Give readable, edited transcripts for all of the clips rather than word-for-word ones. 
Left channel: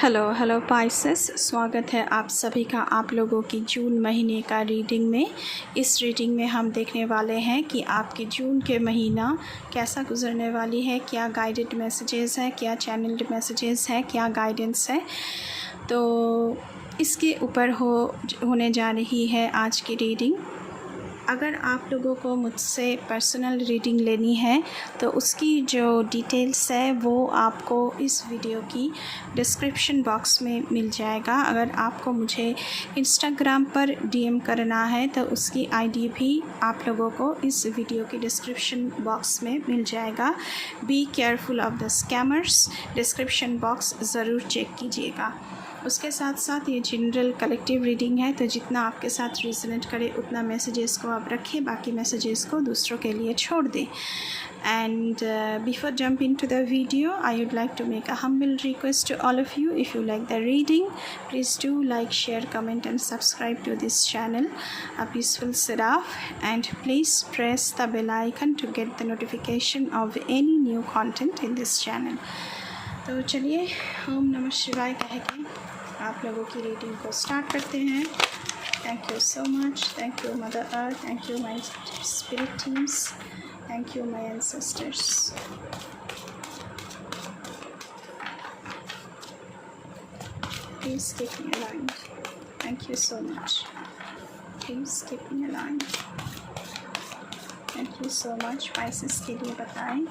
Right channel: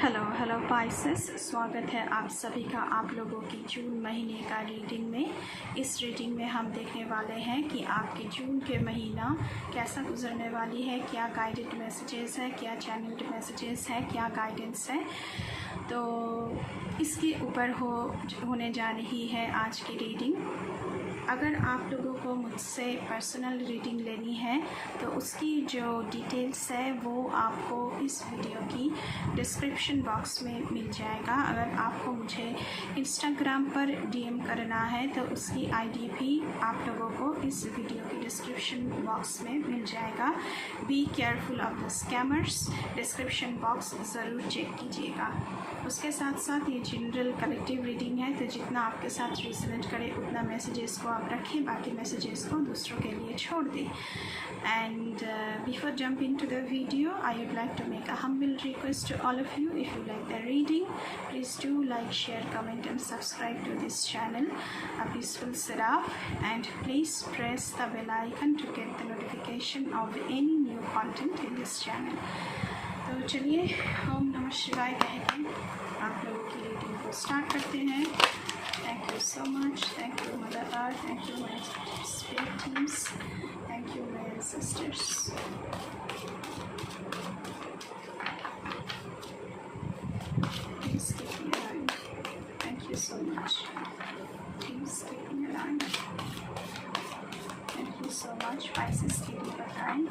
Hello Pisces, स्वागत है आप सभी का आप लोगों की जून महीने का रीडिंग में। इस रीडिंग में हम देखने वाले हैं कि आपके जून के महीना कैसा गुजरने वाली है, क्या गाइडेड मैसेजेस है, क्या चैनल्ड मैसेजेस है, क्या गाइडेंस है। तो इसके ऊपर होने जा रही है आज की रीडिंग। अगर आप लोगों को मुझसे पर्सनल रीडिंग लेनी है तो उसकी जो डिटेल्स है वो आपको इस वीडियो की डिस्क्रिप्शन बॉक्स में मिल जाएगा। अगर आपको मुझे इंस्टाग्राम पर डीएम करना है तो उसकी आईडी भी आप लोगों को इस वीडियो की डिस्क्रिप्शन बॉक्स में मिल जाएगा। Be careful of the scammers, description box ज़रूर चेक कीजिएगा। उसके साथ साथ ये जनरल कलेक्टिव रीडिंग है, तो जितना आपके साथ रिजोनेट करे उतना मैसेजेस को आप रखें, बाकी मैसेजेस को दूसरों के लिए छोड़ दें। And before jump into the video, I would like to make a humble request to all of you. If you like the reading, please do like, share, comment and subscribe to this channel, A Peaceful Seraph, and please press the bell icon to get the notification of any new content in this channel. तो चलिए ओम नमः शिवाय कह के आप लोगों की reading को स्टार्ट करते हैं। Thank you so much, thank you mother earth, thank you my spirit teams, thank you my ancestors. Please keep me alive, thank you so much, please keep me alive, thank you so much. Pisces के लिए बताएं।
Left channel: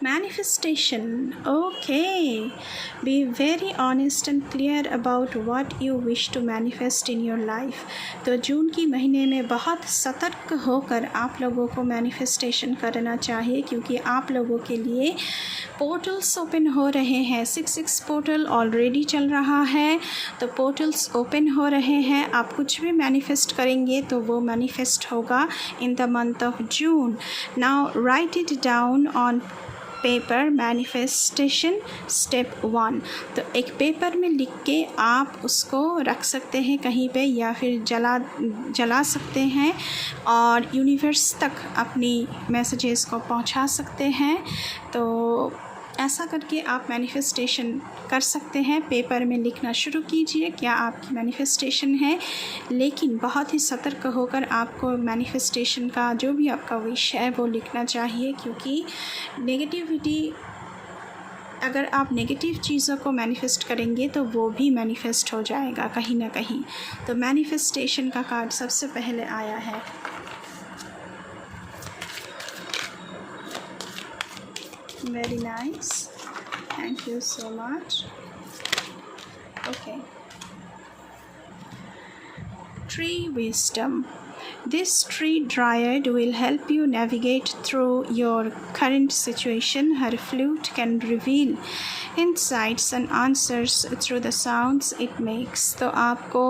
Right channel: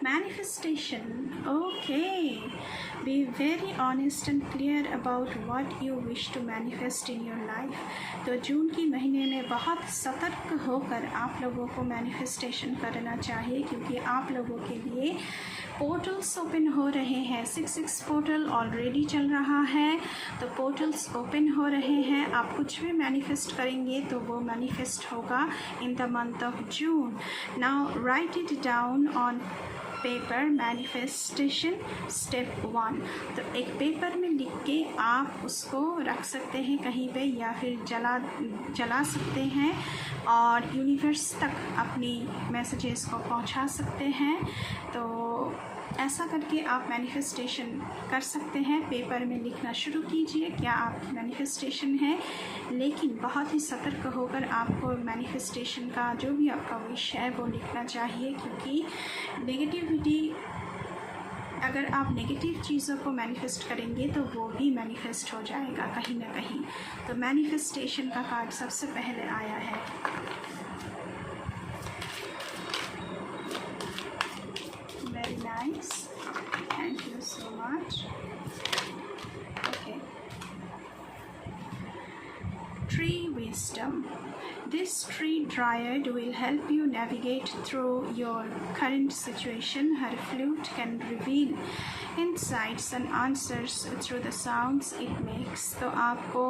Manifestation. Okay, be very honest and clear about what you wish to manifest in your life. तो जून की महीने में बहुत सतर्क होकर आप लोगों को मैनिफेस्टेशन करना चाहिए, क्योंकि आप लोगों के लिए पोर्टल्स ओपन हो रहे हैं। 6 पोर्टल ऑलरेडी चल रहा है, तो पोर्टल्स ओपन हो रहे हैं। आप कुछ भी मैनिफेस्ट करेंगे तो वो मैनिफेस्ट होगा इन the month of June. Now right it down on paper. Manifestation step 1, तो एक पेपर में लिख के आप उसको रख सकते हैं कहीं पे, या फिर जला सकते हैं और यूनिवर्स तक अपनी मैसेजेस को पहुंचा सकते हैं। तो ऐसा करके आप मैनिफेस्टेशन कर सकते हैं। पेपर में लिखना शुरू कीजिए क्या आपकी मैनिफेस्टेशन है, लेकिन बहुत ही सतर्क होकर आपको मैनिफेस्टेशन का जो भी आपका विश है वो लिखना चाहिए, क्योंकि नेगेटिविटी, अगर आप नेगेटिव चीज़ों को मैनिफेस्ट करेंगे तो वो भी मैनिफेस्ट हो जाएगा कहीं ना कहीं। तो मैनिफेस्टेशन का कार्ड सबसे पहले आया है। Very nice, thank you so much. Okay, tree wisdom. This tree dryad will help you navigate through your current situation. Her flute can reveal insights and answers through the sounds it makes. तो आपको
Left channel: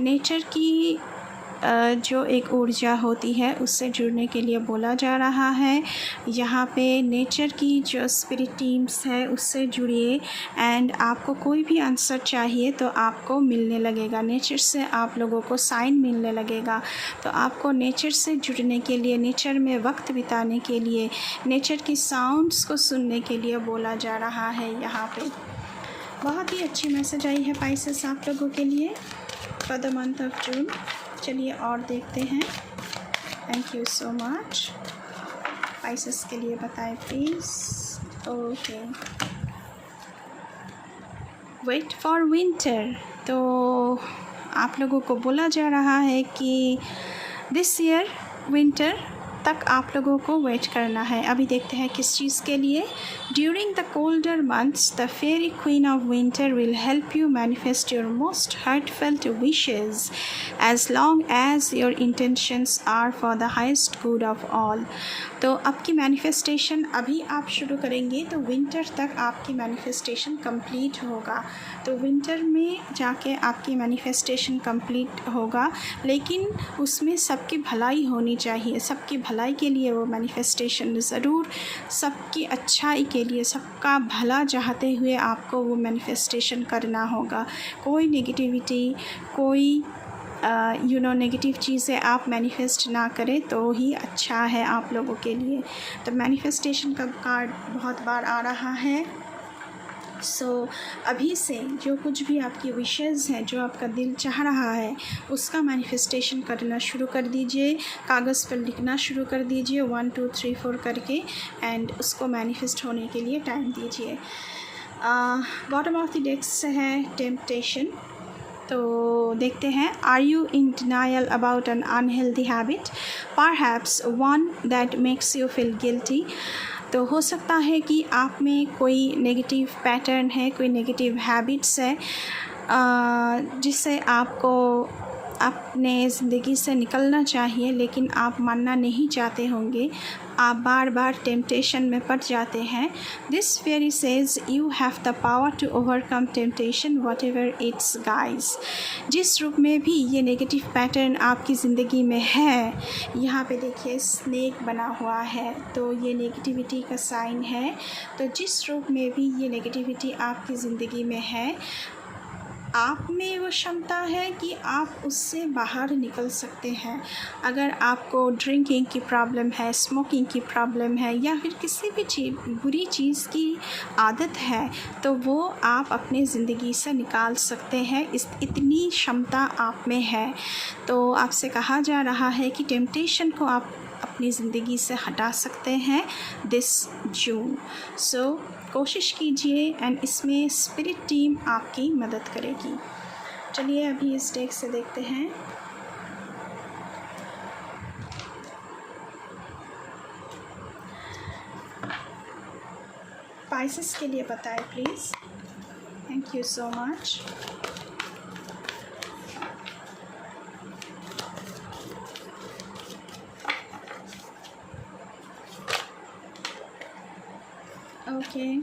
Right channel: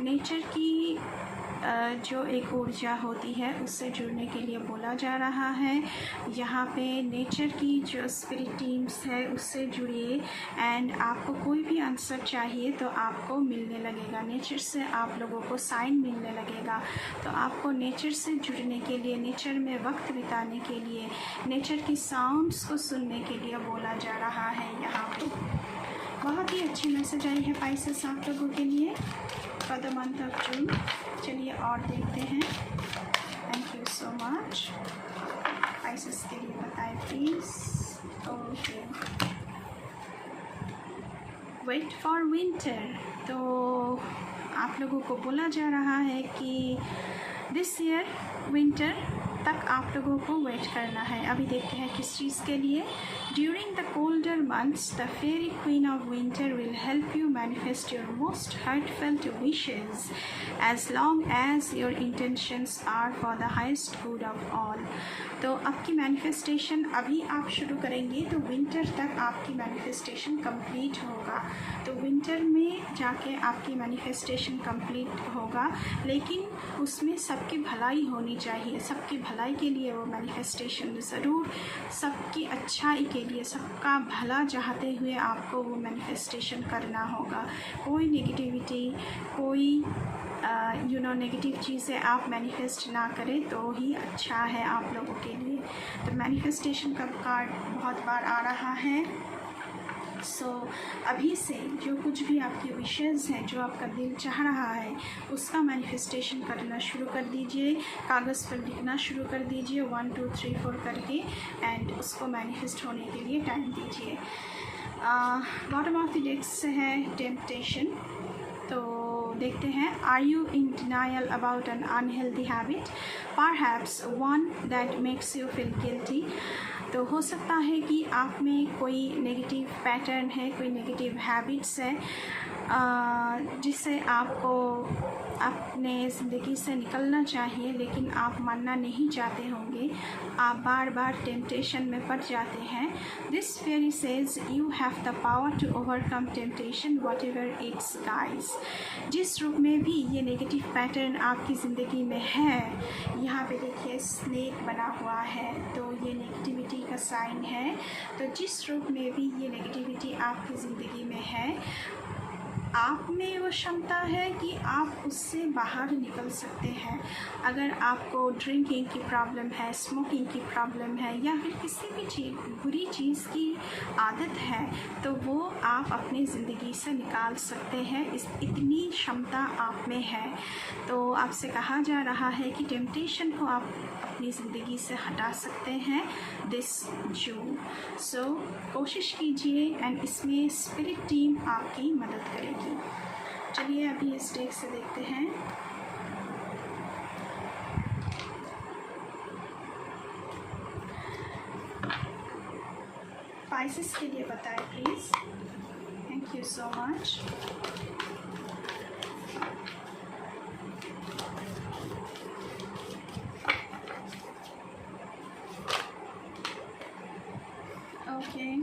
nature की जो एक ऊर्जा होती है उससे जुड़ने के लिए बोला जा रहा है। यहाँ पे नेचर की जो स्पिरिट टीम्स है उससे जुड़िए, एंड आपको कोई भी आंसर चाहिए तो आपको मिलने लगेगा। नेचर से आप लोगों को साइन मिलने लगेगा। तो आपको नेचर से जुड़ने के लिए, नेचर में वक्त बिताने के लिए, नेचर की साउंड्स को सुनने के लिए बोला जा रहा है। यहाँ पे बहुत ही अच्छी मैसेज आई है पाइसेस आप लोगों के लिए for the month of June. चलिए और देखते हैं। Thank you so much. Pisces के लिए बताएं please. Okay, wait for winter. तो आप लोगों को बोला जा रहा है कि दिस ईयर विंटर तक आप लोगों को वेट करना है। अभी देखते हैं किस चीज़ के लिए। During the colder months the fairy queen of winter will help you manifest your most heartfelt wishes as long as your intentions are for the highest good of all. तो आपकी मैनिफेस्टेशन अभी आप शुरू करेंगे तो विंटर तक आपकी manifestation complete होगा। तो विंटर में जाके आपकी मैनिफेस्टेशन कंप्लीट होगा, लेकिन उसमें सबकी भलाई होनी चाहिए, सबकी भलाई के लिए वो मैनिफेस्टेशन ज़रूर, सबकी अच्छाई के लिए, सबका भला चाहते हुए आपको वो मैनिफेस्टेशन करना होगा। कोई नेगेटिविटी, कोई नेगेटिव चीज़ें आप मैनिफेस्ट ना करें तो ही अच्छा है आप लोगों के लिए। तो मैनिफेस्टेशन का कार्ड बहुत बार आ रहा है। अभी से जो कुछ भी आपकी विशेज़ हैं, जो आपका दिल चाह रहा है, उसका मैनिफेस्टेशन करना शुरू कर दीजिए। कागज़ पर लिखना शुरू कर दीजिए 1 2 3 4 करके, एंड उसको मैनिफेस्ट होने के लिए टाइम दीजिए। बॉटम ऑफ द डेक से है टेम्पटेशन। तो देखते हैं, are you in denial about an unhealthy habit, perhaps one that makes you feel guilty. तो हो सकता है कि आप में कोई नेगेटिव पैटर्न है, कोई नेगेटिव हैबिट्स है जिससे आपको अपने ज़िंदगी से निकलना चाहिए, लेकिन आप मानना नहीं चाहते होंगे। आप बार बार टेम्पटेशन में पड़ जाते हैं। This fairy says you have the power to overcome temptation whatever it's guys. जिस रूप में भी ये नेगेटिव पैटर्न आपकी ज़िंदगी में है, यहाँ पे देखिए स्नेक बना हुआ है, तो ये नेगेटिविटी का साइन है। तो जिस रूप में भी ये नेगेटिविटी आपकी ज़िंदगी में है, आप में वो क्षमता है कि आप उससे बाहर निकल सकते हैं। अगर आपको ड्रिंकिंग की प्रॉब्लम है, स्मोकिंग की प्रॉब्लम है, या फिर किसी भी बुरी चीज़ की आदत है, तो वो आप अपनी ज़िंदगी से निकाल सकते हैं। इतनी क्षमता आप में है। तो आपसे कहा जा रहा है कि टेम्पटेशन को आप अपनी ज़िंदगी से हटा सकते हैं दिस जून। कोशिश कीजिए, एंड इसमें स्पिरिट टीम आपकी मदद करेगी। चलिए अभी इस डेक से देखते हैं। पाइसेस के लिए बताएं please. Thank you so much. Okay.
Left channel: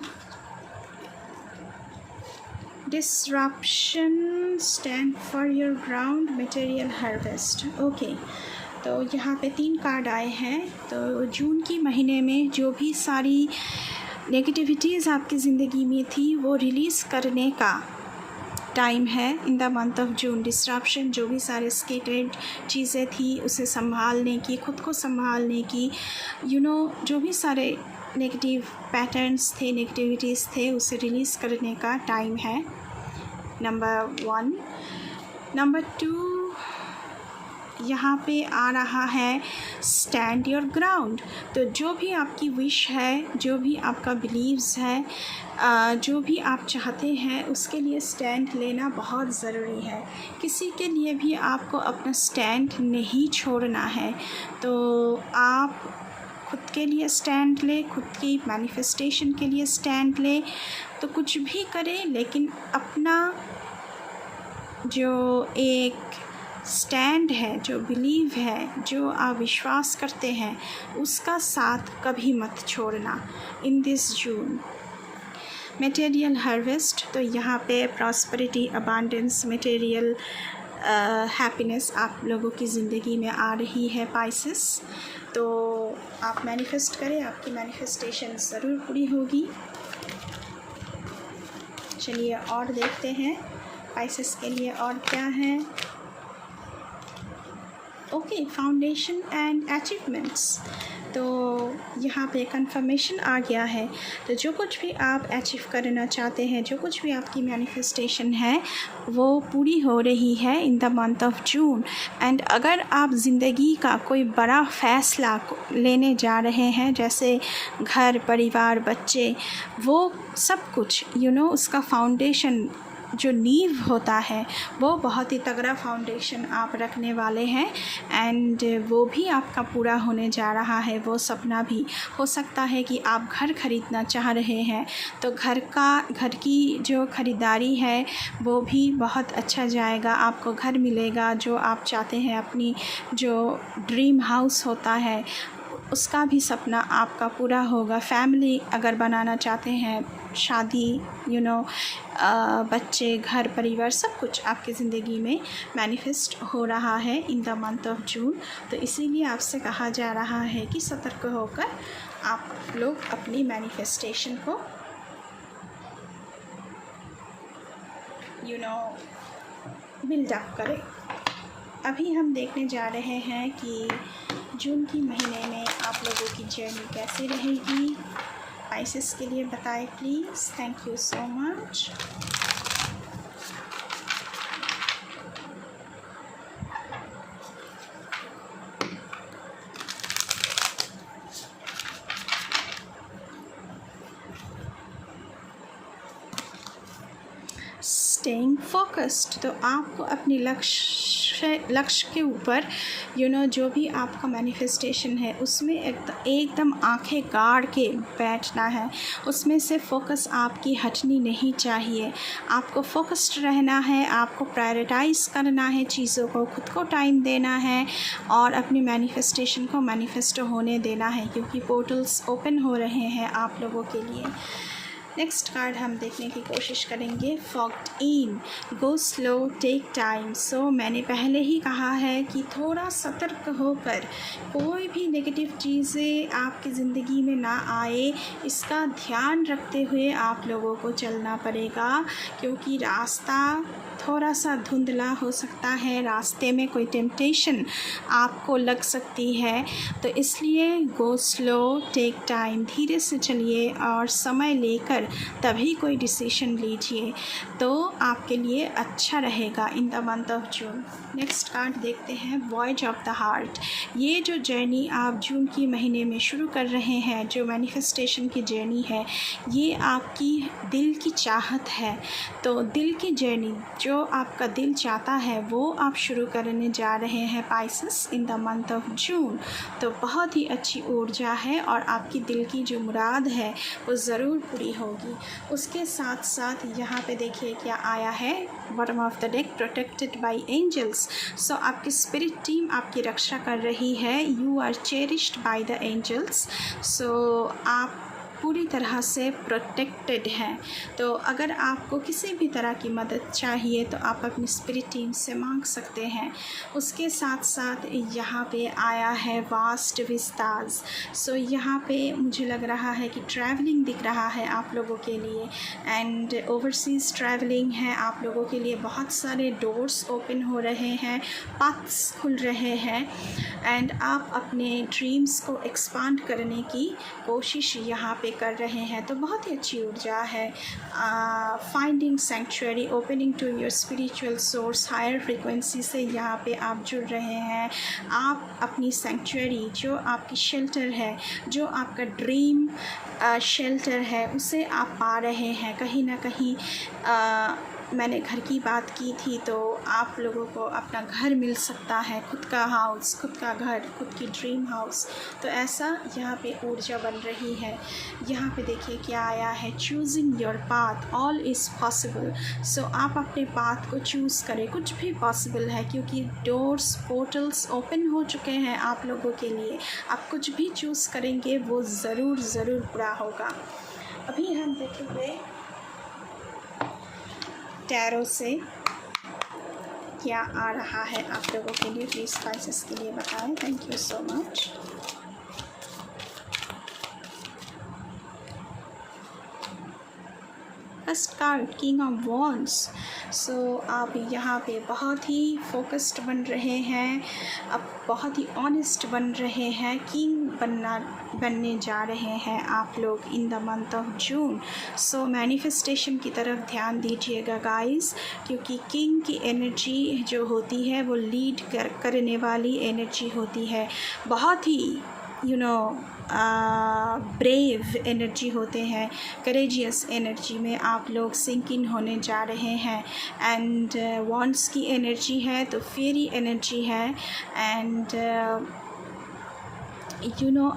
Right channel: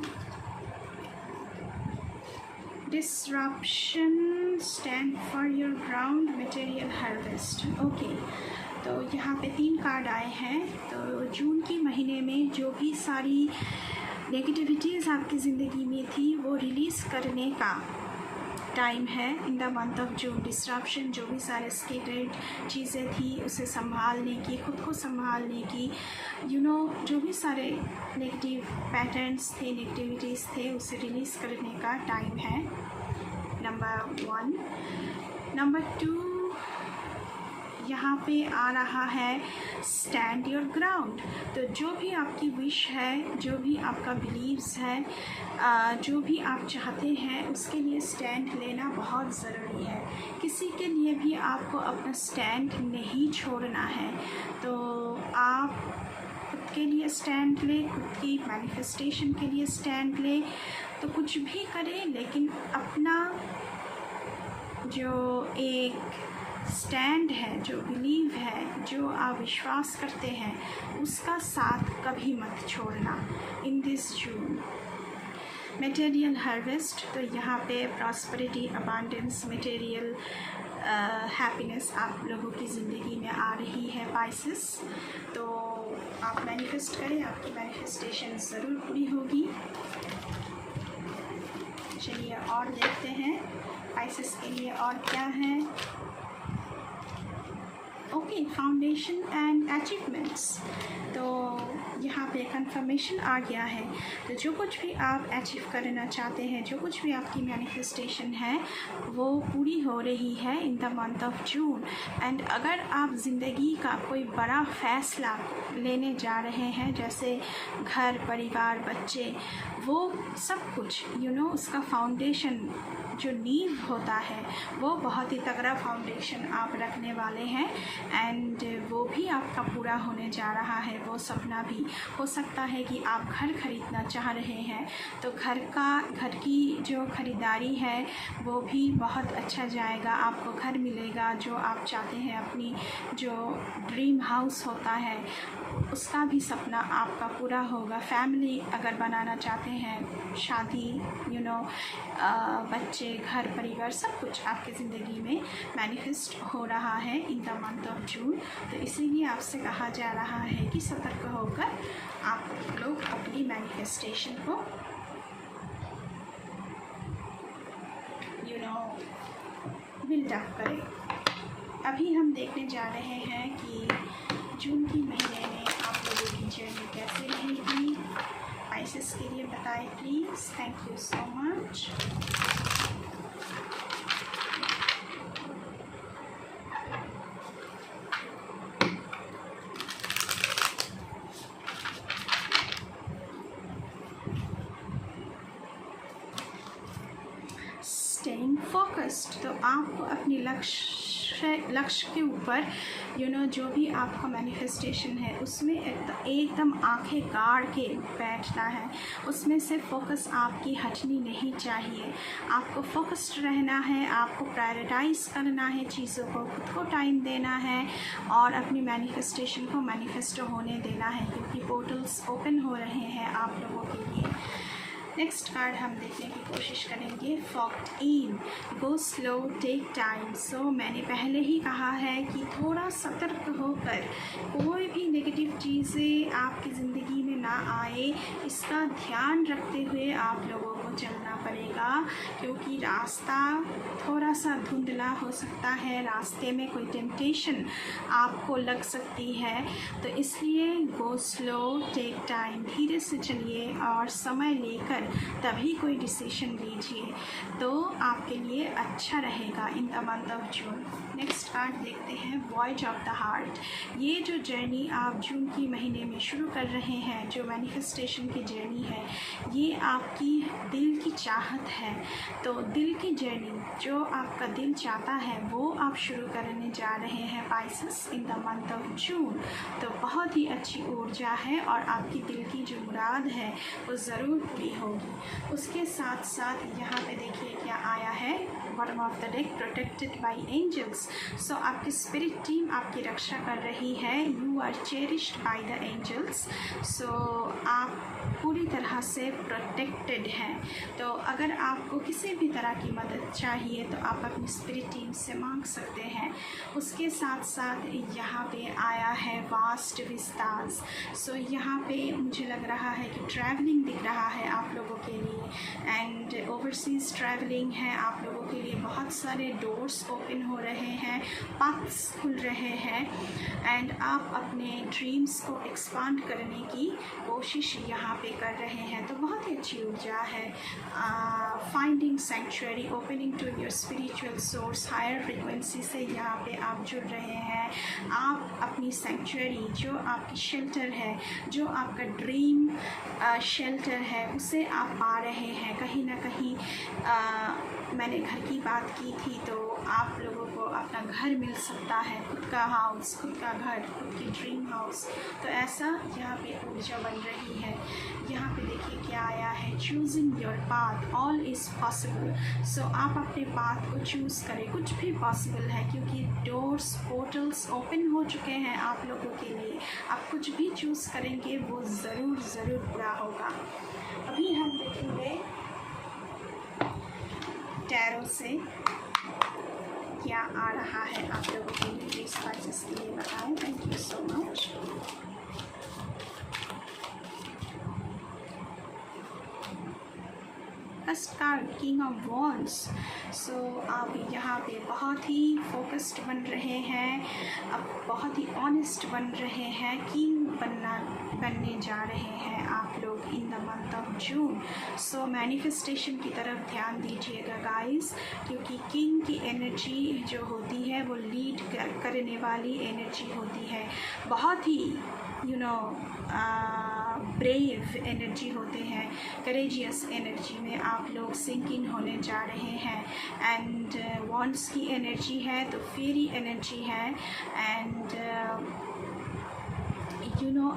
Disruption stand for your ground material harvest. Okay. तो यहाँ पे 3 कार्ड आए हैं। तो जून की महीने में जो भी सारी नेगेटिविटीज़ आपकी ज़िंदगी में थी, वो रिलीज़ करने का टाइम है इन the month of June. Disruption, जो भी सारे स्केटेड चीज़ें थी, उसे संभालने की, खुद को संभालने की, जो भी सारे नेगेटिव पैटर्न्स थे, नेगेटिविटीज़ थे, उसे रिलीज़ करने का टाइम है। नंबर 1। नंबर 2, यहाँ पे आ रहा है स्टैंड योर ग्राउंड। तो जो भी आपकी विश है, जो भी आपका बिलीव्स है, जो भी आप चाहते हैं, उसके लिए स्टैंड लेना बहुत ज़रूरी है। किसी के लिए भी आपको अपना स्टैंड नहीं छोड़ना है। तो आप खुद के लिए स्टैंड ले, खुद की मैनिफेस्टेशन के लिए स्टैंड ले। तो कुछ भी करें, लेकिन अपना जो एक स्टैंड है, जो बिलीव है, जो आप विश्वास करते हैं, उसका साथ कभी मत छोड़ना in this June. Material harvest, तो यहाँ पे प्रॉस्पेरिटी, अबांडेंस, मटेरियल हैप्पीनेस आप लोगों की ज़िंदगी में आ रही है पाइसेस। तो आप मैनिफेस्ट करें, आपकी मैनिफेस्टेशन ज़रूर पूरी होगी। चलिए और देखते हैं पाइसेस के लिए और क्या है। Okay, foundation and achievements. तो यहाँ पे कंफर्मेशन आ गया है। तो जो कुछ भी आप अचीव करना चाहते हैं, जो कुछ भी आपकी मैनिफेस्टेशन है, वो पूरी हो रही है इन the month of June. And अगर आप ज़िंदगी का कोई बड़ा फ़ैसला लेने जा रहे हैं, जैसे घर, परिवार, बच्चे, वो सब कुछ उसका फाउंडेशन, जो नींव होता है, वो बहुत ही तगड़ा फाउंडेशन आप रखने वाले हैं। एंड वो भी आपका पूरा होने जा रहा है। वो सपना भी हो सकता है कि आप घर ख़रीदना चाह रहे हैं, तो घर की जो ख़रीदारी है, वो भी बहुत अच्छा जाएगा। आपको घर मिलेगा जो आप चाहते हैं। अपनी जो ड्रीम हाउस होता है, उसका भी सपना आपका पूरा होगा। फैमिली अगर बनाना चाहते हैं, शादी, बच्चे, घर परिवार, सब कुछ आपकी ज़िंदगी में मैनिफेस्ट हो रहा है इन द मंथ ऑफ जून। तो इसीलिए आपसे कहा जा रहा है कि सतर्क होकर आप लोग अपनी मैनिफेस्टेशन को बिल्ड अप करें। अभी हम देखने जा रहे हैं कि जून की महीने में आप लोगों की जर्नी कैसी रहेगी। पाइसेस के लिए बताएं please. Thank you so much. Staying focused, तो आपको अपने लक्ष्य के ऊपर जो भी आपका मैनिफेस्टेशन है उसमें एकदम आंखें गाड़ के बैठना है। उसमें से फोकस आपकी हटनी नहीं चाहिए। आपको फोकस्ड रहना है, आपको प्रायोरिटाइज़ करना है चीज़ों को, खुद को टाइम देना है और अपनी मैनिफेस्टेशन को मैनिफेस्ट होने देना है, क्योंकि पोर्टल्स ओपन हो रहे हैं आप लोगों के लिए। नेक्स्ट कार्ड हम देखने की कोशिश करेंगे। फॉग्ड इन, गो स्लो, टेक टाइम। सो मैंने पहले ही कहा है कि थोड़ा सतर्क होकर कोई भी नेगेटिव चीज़ें आपकी ज़िंदगी में ना आए, इसका ध्यान रखते हुए आप लोगों को चलना पड़ेगा, क्योंकि रास्ता थोड़ा सा धुंधला हो सकता है, रास्ते में कोई टेम्पटेशन आपको लग सकती है। तो इसलिए गो स्लो, टेक टाइम, धीरे से चलिए और समय लेकर तभी कोई डिसीजन लीजिए, तो आपके लिए अच्छा रहेगा इन the month of June. Next card देखते हैं, वॉयज ऑफ द हार्ट। ये जो जर्नी आप जून की महीने में शुरू कर रहे हैं, जो मैनिफेस्टेशन की जर्नी है, ये आपकी दिल की चाहत है। तो दिल की जर्नी, जो आपका दिल चाहता है वो आप शुरू करने जा रहे हैं Pisces in the month of जून। तो बहुत ही अच्छी ऊर्जा है और आपकी दिल की जो मुराद है वो ज़रूर पूरी होगी। उसके साथ साथ यहाँ पे देखिए क्या आया है, bottom of the deck, protected by angels. So आपकी स्पिरिट टीम आपकी रक्षा कर रही है। You are cherished by the angels. So आप पूरी तरह से प्रोटेक्टेड हैं। तो अगर आपको किसी भी तरह की मदद चाहिए तो आप अपनी स्पिरिट टीम से मांग सकते हैं। उसके साथ साथ यहाँ पे आया है वास्ट विस्तार्स। सो यहाँ पे मुझे लग रहा है कि ट्रैवलिंग दिख रहा है आप लोगों के लिए, एंड ओवरसीज़ ट्रैवलिंग है आप लोगों के लिए। बहुत सारे डोर्स ओपन हो रहे हैं, पाथ्स खुल रहे हैं, एंड आप अपने ड्रीम्स को एक्सपांड करने की कोशिश यहाँ पे कर रहे हैं। तो बहुत ही अच्छी ऊर्जा है। Finding sanctuary, opening to your spiritual source, higher frequency से यहाँ पे आप जुड़ रहे हैं। आप अपनी सेंचुरी, जो आपकी शेल्टर है, जो आपका ड्रीम शेल्टर है, उसे आप पा रहे हैं कहीं ना कहीं। मैंने घर की बात की थी, तो आप लोगों को अपना घर मिल सकता है, खुद का हाउस, खुद का घर, खुद की ड्रीम हाउस। तो ऐसा यहाँ पे ऊर्जा बन रही है। यहाँ पे देखिए क्या आया है, choosing your path, all is possible. So आप अपने पाथ को चूज़ करें, कुछ भी पॉसिबल है, क्योंकि डोर्स, पोर्टल्स ओपन हो चुके हैं आप लोगों के लिए। आप कुछ भी चूज़ करेंगे वो ज़रूर ज़रूर पूरा होगा। अभी हम देखेंगे टैरो से क्या आ रहा है आप लोगों के लिए। प्लीज़ स्पाइसेस के लिए बताएं। Thank you so much. First card, king of wands. So आप यहाँ पे बहुत ही फोकस्ड बन रहे हैं, अब बहुत ही ऑनेस्ट बन रहे हैं। किंग बनने जा रहे हैं आप लोग इन the month of June. So manifestation की तरफ ध्यान दीजिएगा गाइस, क्योंकि किंग की एनर्जी जो होती है वो लीड करने वाली एनर्जी होती है। बहुत ही ब्रेव एनर्जी होते हैं, करेजियस एनर्जी में आप लोग सिंक इन होने जा रहे हैं। एंड वॉन्ड्स की एनर्जी है तो फेरी एनर्जी है, एंड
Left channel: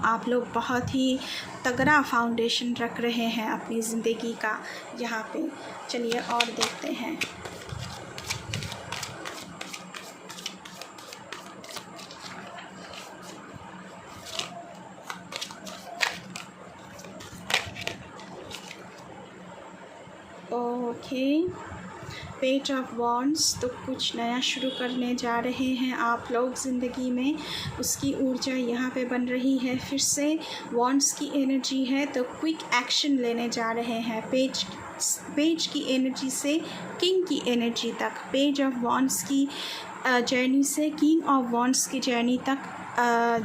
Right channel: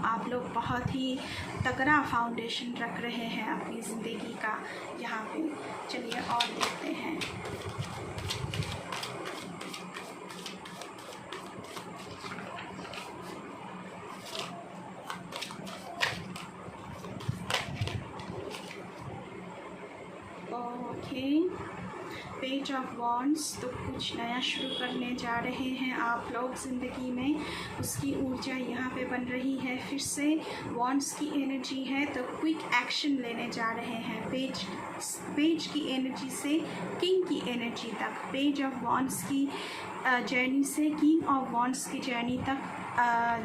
आप लोग बहुत ही तगड़ा फाउंडेशन रख रहे हैं अपनी ज़िंदगी का यहाँ पे। चलिए और देखते हैं। पेज ऑफ वॉन्ड्स, तो कुछ नया शुरू करने जा रहे हैं आप लोग ज़िंदगी में, उसकी ऊर्जा यहाँ पे बन रही है। फिर से वॉन्ड्स की एनर्जी है तो क्विक एक्शन लेने जा रहे हैं। पेज की एनर्जी से किंग की एनर्जी तक, पेज ऑफ वॉन्ड्स की जर्नी से किंग ऑफ वॉन्ड्स की जर्नी तक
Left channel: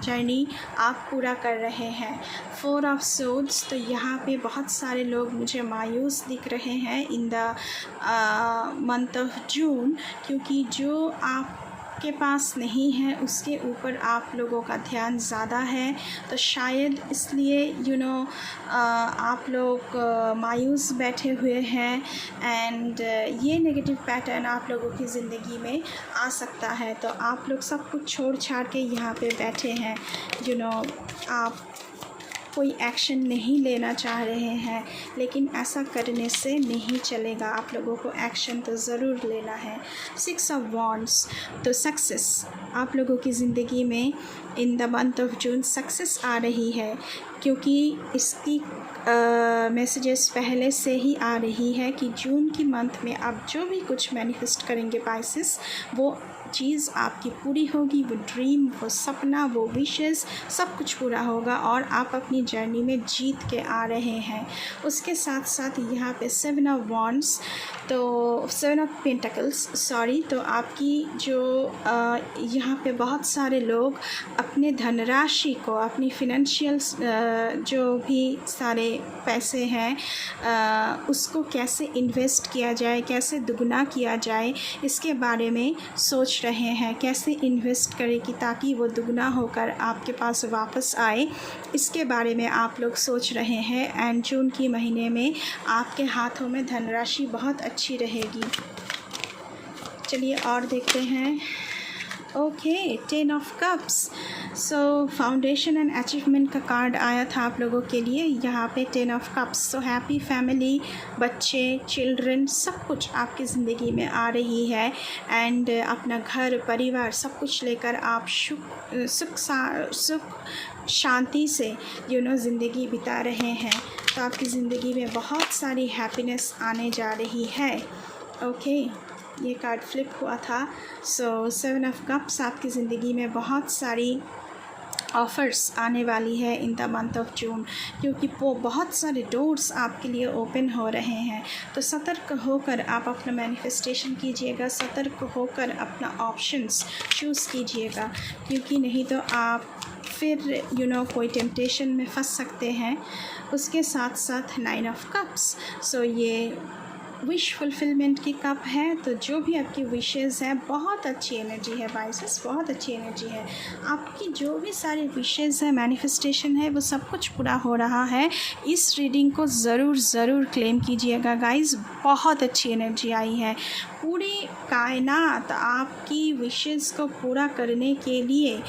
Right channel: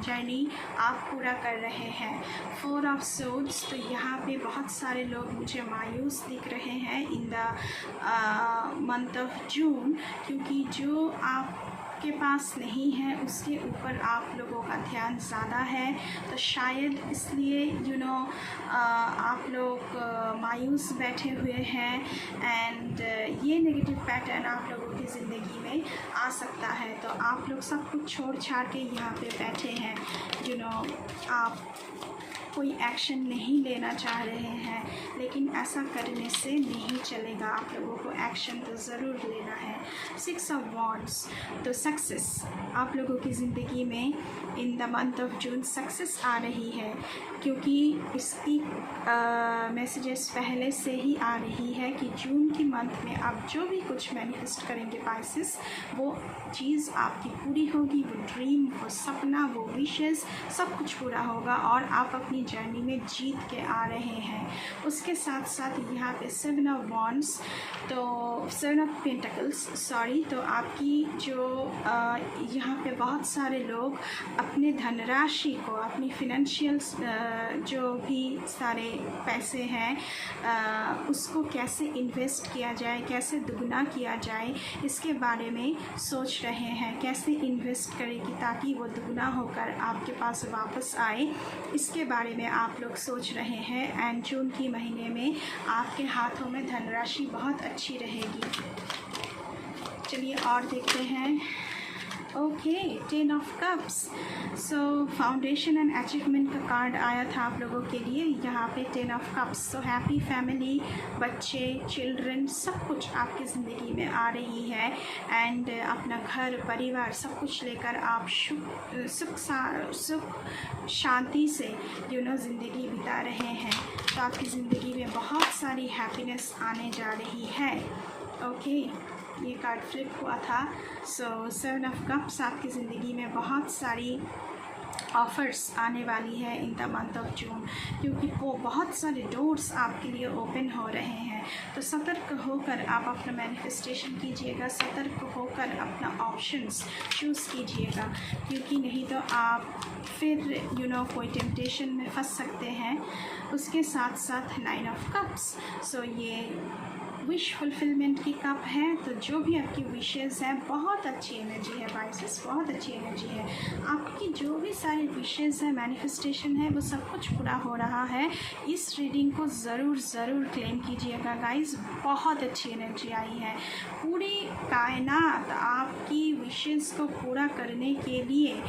जर्नी आप पूरा कर रहे हैं। 4 ऑफ सोर्ड्स, तो यहाँ पे बहुत सारे लोग मुझे मायूस दिख रहे हैं इन द मंथ ऑफ जून, क्योंकि जो आपके पास नहीं है उसके ऊपर आप लोगों का ध्यान ज़्यादा है, तो शायद इसलिए आप लोग मायूस बैठे हुए हैं। एंड ये नेगेटिव पैटर्न आप लोगों की ज़िंदगी में आ सकता है, तो आप लोग सब कुछ छोड़ छाड़ के यहाँ पे बैठे हैं। आप कोई एक्शन नहीं लेना चाह रहे हैं, लेकिन ऐसा करने से नहीं चलेगा, आप लोगों को एक्शन तो ज़रूर लेना है। 6 ऑफ वॉन्ड्स, तो सक्सेस आप लोगों की ज़िंदगी में in the month of June success आ रही है, क्योंकि इसकी मैसेजेस पहले से ही आ रही है कि जून की मंथ में आप जो भी कुछ मैनिफेस्ट करेंगे पाइसेस, वो चीज़ आपकी पूरी होगी, वो ड्रीम, वो सपना, वो विशेस, सब कुछ पूरा होगा और आप अपनी जर्नी में जीत के आ रहे हैं। उसके साथ साथ यहाँ पे 7 ऑफ वॉन्ड्स, तो 7 ऑफ पेंटिकल्स सॉरी, तो आपकी जो यहाँ पे बहुत सारे लोग अपने धनराशि को, अपनी फिनेंशियल जो भी सारे पैसे हैं उसको कैसे इन्वेस्ट किया जाए, कैसे दुगना किया जाए, इसके बारे में सोच रहे हैं। कैसे इन्वेस्ट करें कि ताकि वो दुगना होकर आपके पास वापस आए, इसके बारे में आप लोग सोच रहे हैं। एंड जून की महीने में आपके हाथों में धनराशि बहुत अच्छी रहेगी। चलिए और देखते हैं। Okay, 10 of cups, so foundation and achievement का कार्ड आया था आप लोगों के लिए। यहाँ पे 10 of cups, so happy family, बच्चे, चिल्ड्रन, सब कुछ आपकी ज़िंदगी में आ रही है। एंड अपना घर परिवार सब कुछ लेकर आप सुख शांति से ज़िंदगी बिता रहे हैं, तो आपकी ज़िंदगी में बहुत सारी हैप्पीनेस आने जा रही है। ओके, ये कार्ड फ्लिप हुआ था। सो 7 ऑफ कप्स, आपकी ज़िंदगी में बहुत सारी ऑफ़र्स आने वाली है इन द मंथ ऑफ जून, क्योंकि वो बहुत सारे डोर्स आपके लिए ओपन हो रहे हैं। तो सतर्क होकर आप अपना मैनिफेस्टेशन कीजिएगा, सतर्क होकर अपना ऑप्शंस चूज़ कीजिएगा, क्योंकि नहीं तो आप फिर कोई टेम्पटेशन में फंस सकते हैं। उसके साथ साथ 9 ऑफ कप्स, सो ये विश फुलफिलमेंट की कप है, तो जो भी आपकी विशेज़ है, बहुत अच्छी एनर्जी है पाइसेस, बहुत अच्छी एनर्जी है। आपकी जो भी सारी विशेज़ है, मैनिफेस्टेशन है, वो सब कुछ पूरा हो रहा है। इस रीडिंग को ज़रूर क्लेम कीजिएगा गाइस, बहुत अच्छी एनर्जी आई है। पूरी कायनात आपकी विशेज़ को पूरा करने के लिए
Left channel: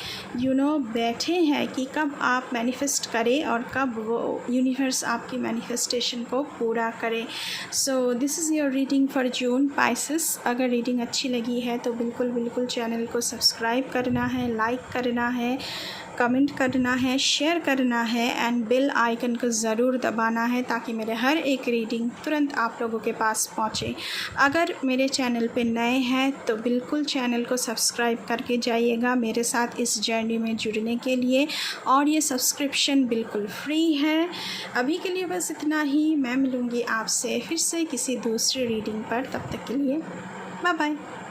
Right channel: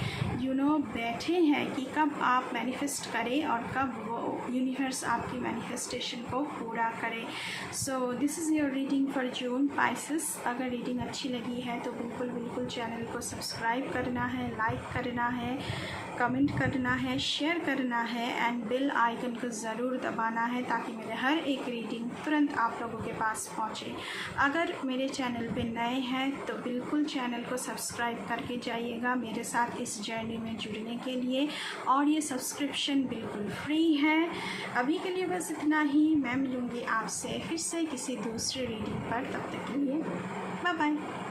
बैठे हैं कि कब आप मैनिफेस्ट करें और कब वो यूनिवर्स आपकी मैनिफेस्टेशन को पूरा करे। So this is your reading for June Pisces. अगर रीडिंग अच्छी लगी है तो बिल्कुल चैनल को सब्सक्राइब करना है, लाइक करना है, कमेंट करना है, शेयर करना है एंड बेल आइकन को ज़रूर दबाना है, ताकि मेरे हर एक रीडिंग तुरंत आप लोगों के पास पहुँचे। अगर मेरे चैनल पे नए हैं तो बिल्कुल चैनल को सब्सक्राइब करके जाइएगा मेरे साथ इस जर्नी में जुड़ने के लिए, और ये सब्सक्रिप्शन बिल्कुल फ्री है। अभी के लिए बस इतना ही। मैं मिलूँगी आपसे फिर से किसी दूसरी रीडिंग पर, तब तक के लिए बाय बाय।